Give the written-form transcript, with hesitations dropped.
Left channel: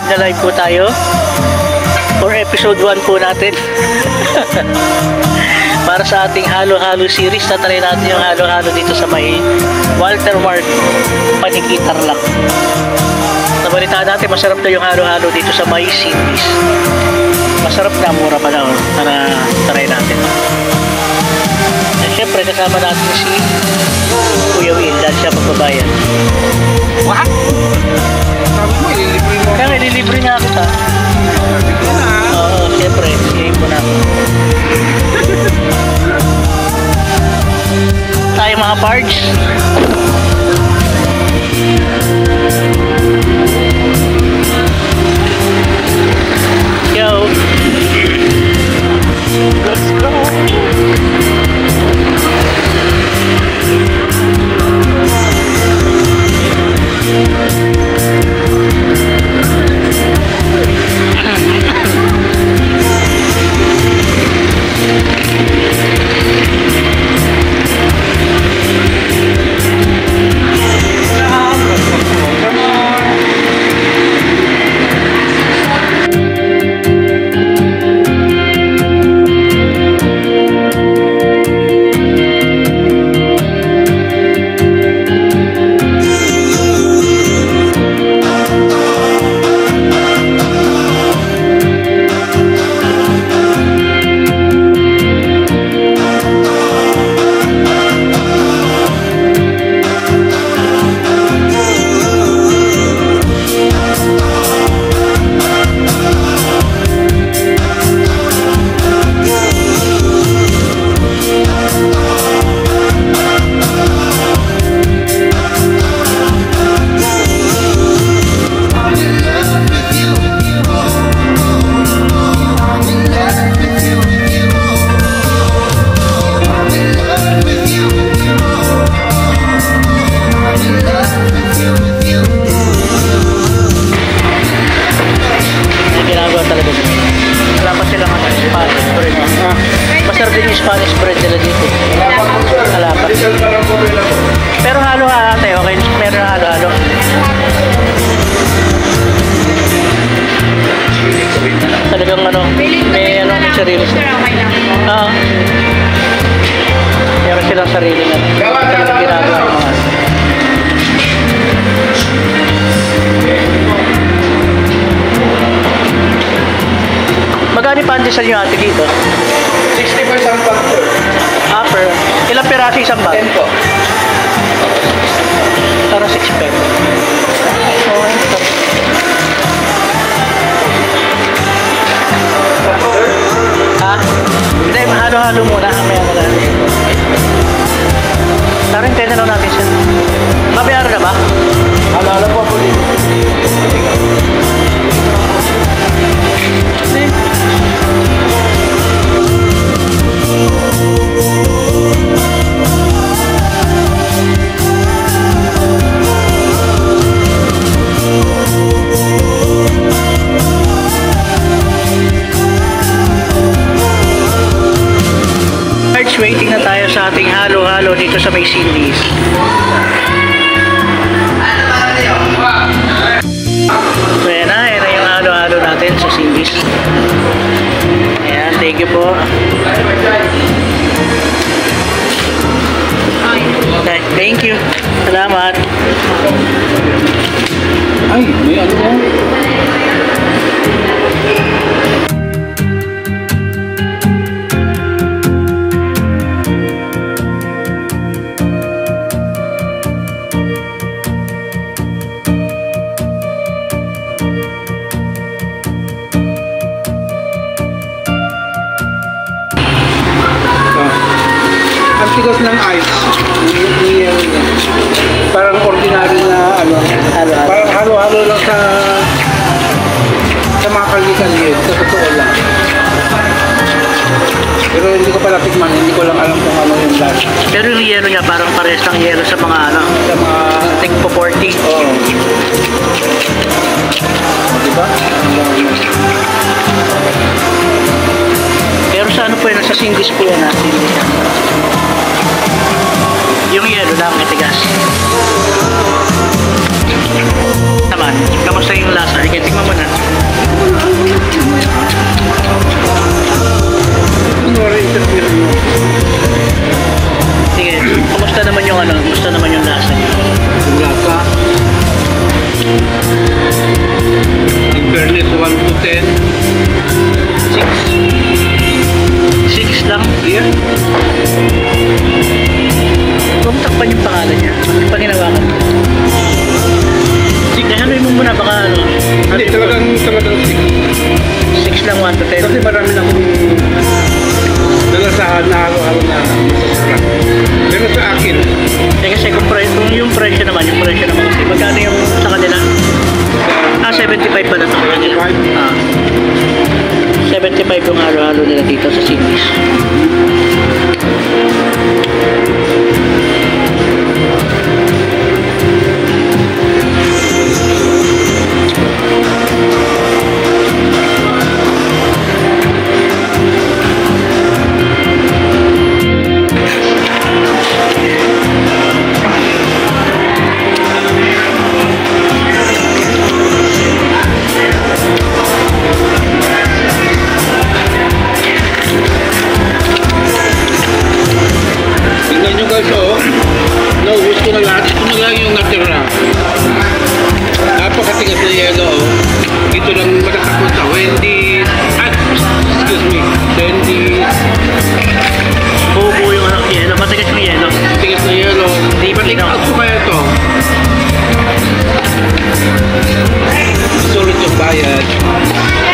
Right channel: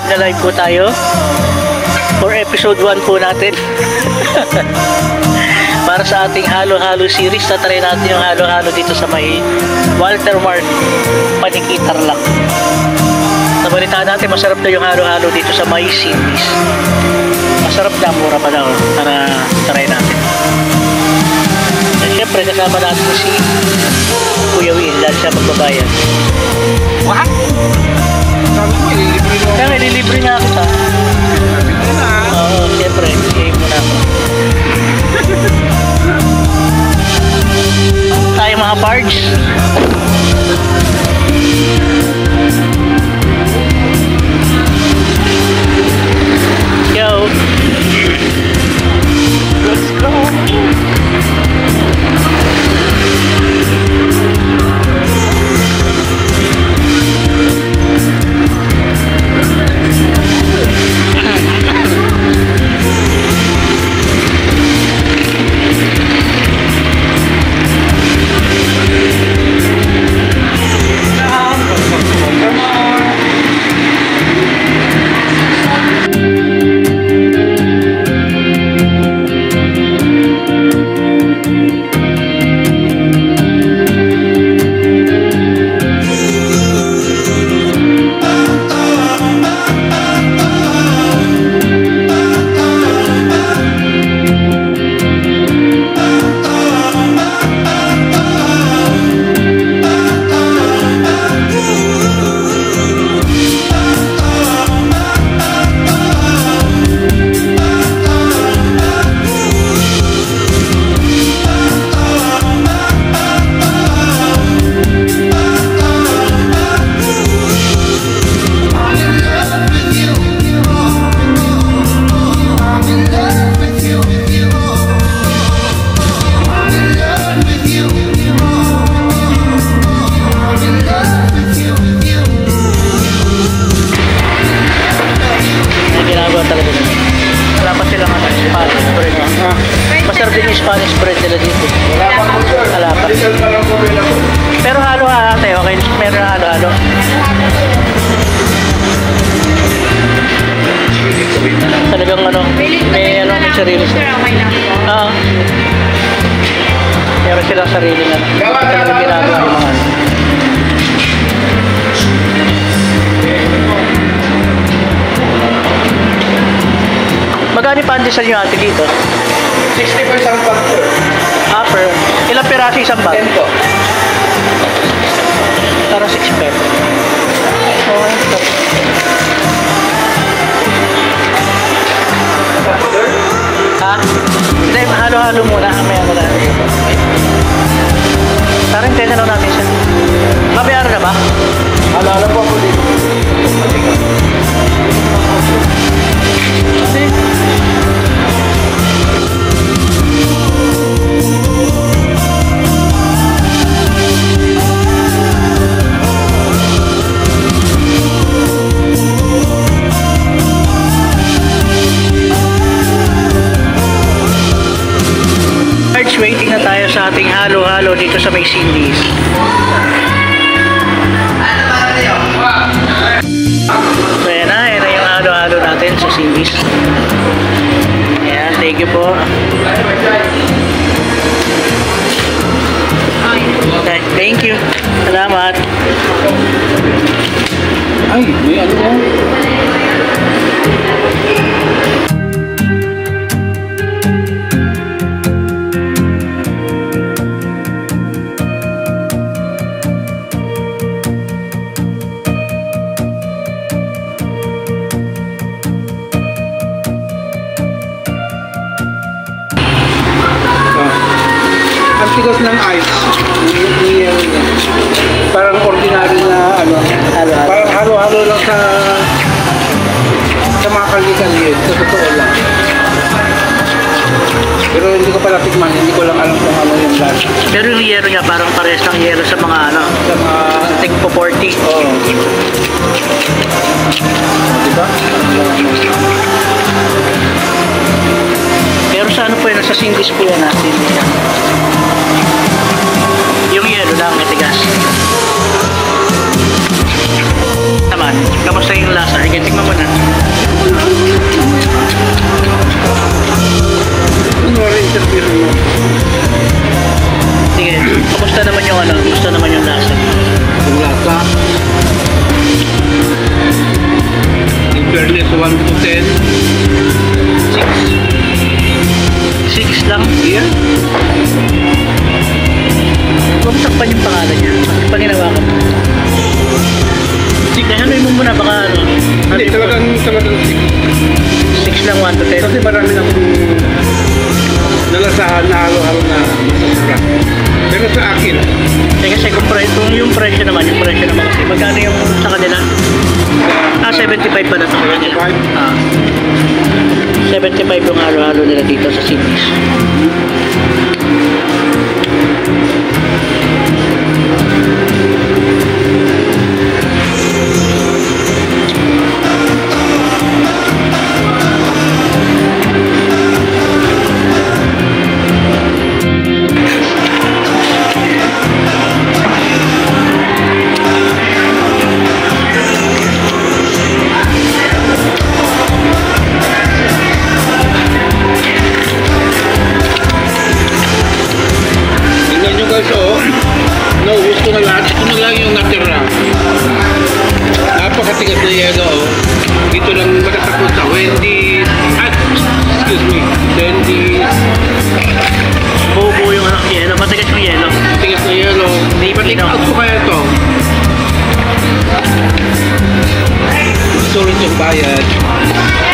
live na live po tayo for episode 1 po natin. Para sa ating halo-halo series, tatry natin yung halo-halo dito sa may Walter Mart Paniki Tarlac. Nabalitaan natin masarap na yung halo-halo dito sa may Cindy's. Masarap na, mura pa na, para try natin. Siyempre kasama natin si Kuya Will dahil siya magbabayad. What? Sabi mo, ililibre mo. Kaya ililibre nga kita. Ililibre na. Oo, siyempre. Siyempre mo na ako. Tayo mga pards. Yo. Let's go. Talaga nila. Wala pa silang Spanish bread. Masarap din yung Spanish bread nila dito. Wala pa. Pero halo-halo tayo, okay? Meron halo-halo. Talagang ano, may ano, may sarili siya. Oo. Meron silang sarili nga. Talagang ginagawa yung mga ano. Magkano pandesal nyo ate dito? 60 per isang bag po. Per ilang piraso isang bag? 10 po. Para 6 pesos. Okay. Ha? Hindi, halo-halo muna. Maya na lang. Tarang 10 na lang natin siya. Mabayar na ba? Halo-halo po po dito. Waiting na tayo sa ating halo-halo dito sa may Cindy's. So yan na yung halo-halo natin sa Cindy's. Ayan, thank you po. Okay, thank you. Salamat. Ay, may ano po? Ang tigas ng ice, parang ordinary na ano, parang halo-halo lang sa mga kalye-kalye, sa totoo lang. Pero hindi ko pa natikman, hindi ko lang alam kung ano yung lasa. Pero yung yelo niya parang parehas ng yelo sa mga ano, sa mga tingpo 40. Oo. Diba? Pero sa ano po yan, sa Cindy's po yan ha, Cindy's yan. Yung yelo lang, matigas. Tama. naman. Kamusta yung lasa? Sige, tingnan mo na. Kunwari interview mo. Sige, kamusta naman yung ano? Kamusta naman yung lasa? Yung lasa. In fairness, 1 to 10. 6 lang? Yeah. Huwag mo takpan yung pangalan niya. Pag hinawakan mo. Sige, haluin mo muna baka ano. Hindi, talagang 6. 6 lang, 1 to 10. Kasi marami na akong nalasahan na halo-halo na masasarap. Pero sa akin, Kasi kung yung presyo naman kasi, magkano yung sa kanila? 75 pala sa kanila. 75 yung halo-halo nila dito sa Cindy's. tingnan nyo guys, oh. Naubos ko na lahat. Ito na lang yung natira. Napakatigas na yelo, oh. Dito lang matatapos sa Wendy's. Excuse me. Wendy's. Buo-buo yung ano, yelo. Matigas yung yelo. Tigas na yelo. Di ba Take tinaw? out ko kaya ito. Sulit yung bayad.